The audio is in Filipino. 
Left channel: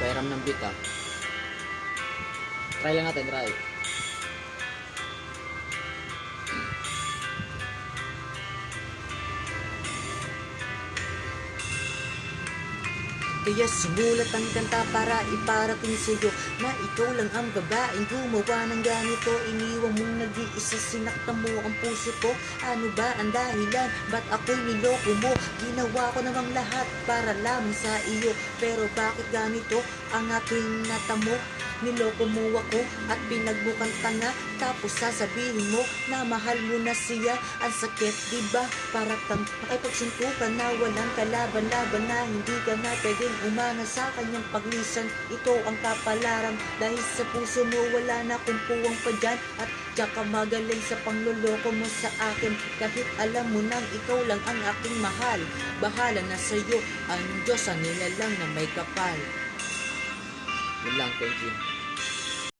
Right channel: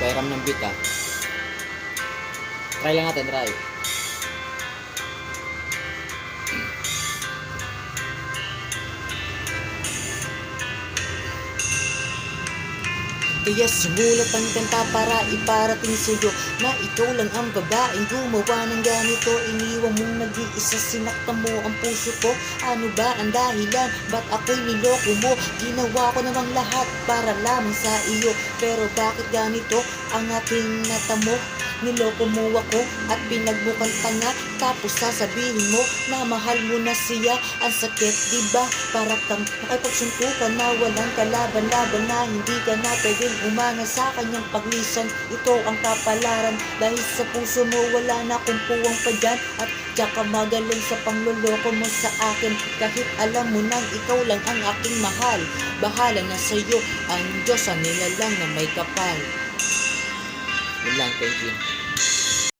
Pairam ng beat ah. Try lang natin, try. Kaya sumulat ang kanta para iparating sa'yo na ikaw lang ang babaeng gumawa ng ganito. Iniwan mong nag-iisa, sinakta mo ang puso ko. Ano ba ang dahilan? Ba't ako'y niloko mo? Ginawa ko namang lahat para lamang sa iyo. Pero bakit ganito ang aking natamo? Niloko mo ako at pinagmukhang tanga. Tapos sasabihin mo na mahal mo na siya. Ang sakit, diba? Para kang nakipagsuntukan na walang kalaban-laban, na hindi ka na pwedeng umanga sa kanyang paglisan. Ito ang kapalaran dahil sa puso mo wala na akong puwang pa dyan. At tsaka magaling sa pangloloko mo sa akin, kahit alam mo nang ikaw lang ang aking mahal. Bahala na sa'yo ang Diyos, ang nilalang na may kapal. Yun lang, thank you.